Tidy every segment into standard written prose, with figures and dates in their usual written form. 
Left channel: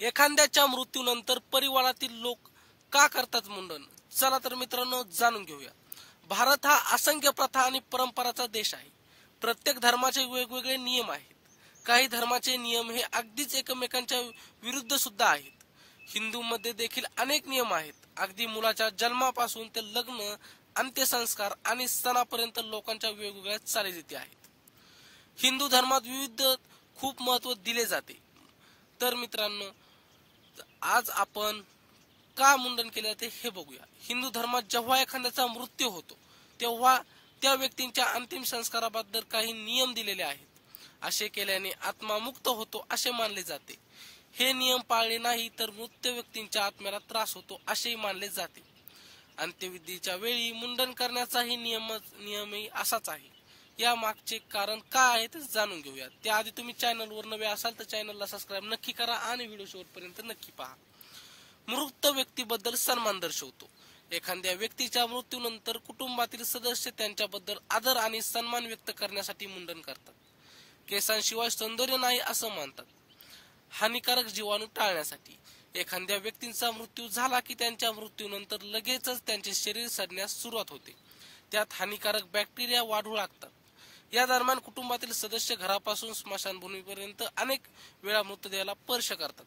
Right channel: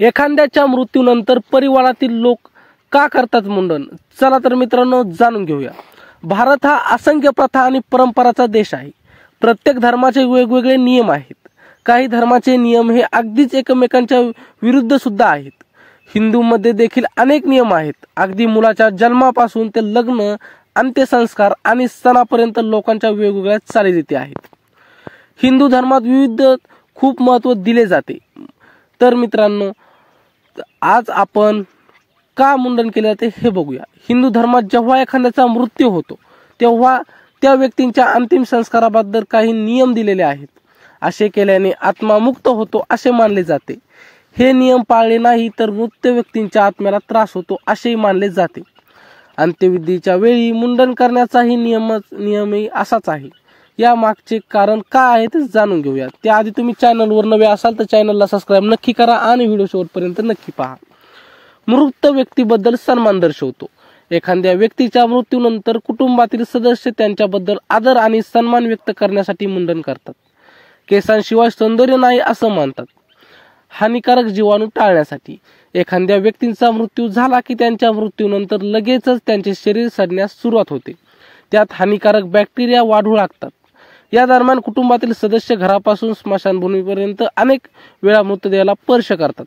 एखाद्याच्या मृत्यूनंतर परिवारातील लोक का करतात मुंडन? चला तर मित्रांनो जाणून घेऊया। भारत हा असंख्य प्रथा आणि परंपराचा देश आहे। प्रत्येक धर्माचे वेगवेगळे नियम आहेत। काही धर्माचे नियम हे अगदीच एकमेकांच्या विरुद्ध सुद्धा आहेत। हिंदूमध्ये देखील अनेक नियम आहेत। अगदी मुलाच्या जन्मापासून ते लग्न, अंत्यसंस्कार आणि सणापर्यंत लोकांच्या वेगवेगळ्या चालीरीती आहेत। हिंदू धर्मात विविध खूप महत्त्व दिले जाते। तर मित्रांनो आज आपण का मुंडन केले जाते हे बघूया। हिंदू धर्मात जेव्हा एखाद्याचा मृत्यू होतो तेव्हा त्या व्यक्तींच्या अंतिम संस्काराबद्दल काही नियम दिलेले आहेत। असे केल्याने आत्मा मुक्त होतो असे मानले जाते। हे नियम पाळले नाही तर मृत व्यक्तींच्या आत्म्याला त्रास होतो असेही मानले जाते। अंत्यविधीच्या वेळी मुंडन करण्याचाही नियमही असाच आहे। या मागचे कारण काय आहे ते जाणून घेऊया। त्याआधी तुम्ही चॅनलवर नवे असाल तर चॅनलला सबस्क्राइब नक्की करा आणि व्हिडिओ शेवटपर्यंत नक्की पहा। मृत व्यक्तीबद्दल सन्मान दर्शवतो। एखाद्या व्यक्तीच्या मृत्यूनंतर कुटुंबातील सदस्य त्यांच्याबद्दल आदर आणि सन्मान व्यक्त करण्यासाठी मुंडन करतात। केसांशिवाय सौंदर्य नाही असं मानतात। हानिकारक जीवाणू टाळण्यासाठी एखाद्या व्यक्तीचा मृत्यू झाला की त्यांच्या मृत्यूनंतर लगेचच त्यांचे शरीर सडण्यास सुरुवात होते। त्यात हानिकारक बॅक्टेरिया वाढू लागतात। या दरम्यान कुटुंबातील सदस्य घरापासून स्मशानभूमीपर्यंत अनेक वेळा मृतदेहाला स्पर्श करतात।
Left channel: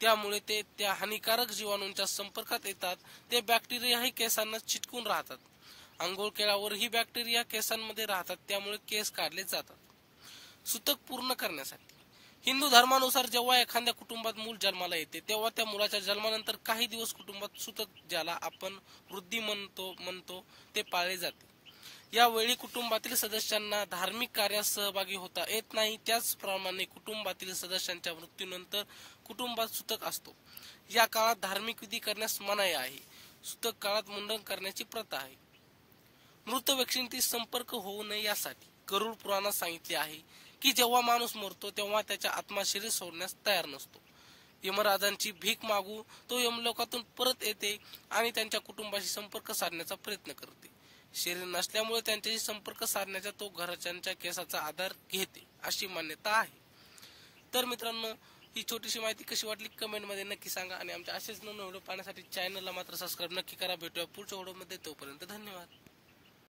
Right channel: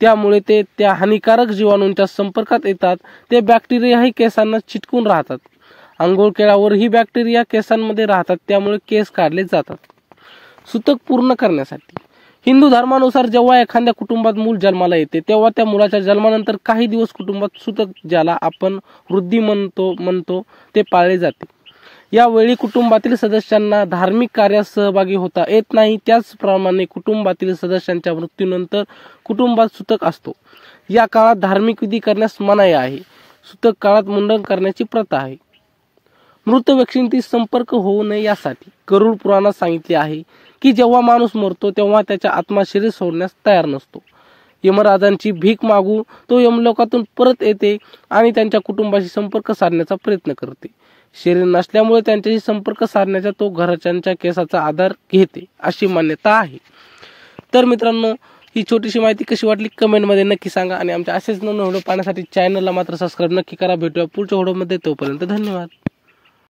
त्यामुळे ते त्या हानिकारक जीवाणूंच्या संपर्कात येतात। ते बॅक्टेरियाही केसांना चिटकून राहतात। अंघोळ केल्यावर ही बॅक्टेरिया केसांमध्ये राहतात, त्यामुळे केस काढले जातात। सुतक पूर्ण करण्यासाठी हिंदू धर्मानुसार जेव्हा एखाद्या कुटुंबात मूल जन्माला येते तेव्हा त्या मुलाच्या जन्मानंतर काही दिवस कुटुंबात सुतक, ज्याला आपण वृद्धी म्हणतो ते पाळले जाते। यावेळी कुटुंबातील सदस्यांना धार्मिक कार्यात सहभागी होता येत नाही। त्याचप्रमाणे कुटुंबातील सदस्यांच्या मृत्यूनंतर कुटुंबात सुतक असतो। या काळात धार्मिक विधी करण्यास मनाई आहे। सुतक काळात मुंडन करण्याची प्रथा आहे। मृत व्यक्तींशी संपर्क होऊ नये यासाठी गरुड पुराणात सांगितले आहे की जेव्हा माणूस मरतो तेव्हा त्याचा आत्मा शरीर सोडण्यास तयार नसतो। यमराजांची भीक मागू तो यमलोकातून परत येते आणि त्यांच्या कुटुंबाशी संपर्क साधण्याचा प्रयत्न करते। शरीर नसल्यामुळे त्यांच्याशी संपर्क साधण्याचा तो घरच्यांच्या केसाचा आधार घेते अशी मान्यता आहे। तर मित्रांनो ही छोटीशी माहिती कशी वाटली कमेंटमध्ये नक्की सांगा आणि आमच्या असेच नवीन व्हिडिओ पाहण्यासाठी चॅनलला मात्र सबस्क्राइब नक्की करा। भेटूया पुढच्या व्हिडिओमध्ये, तोपर्यंत धन्यवाद।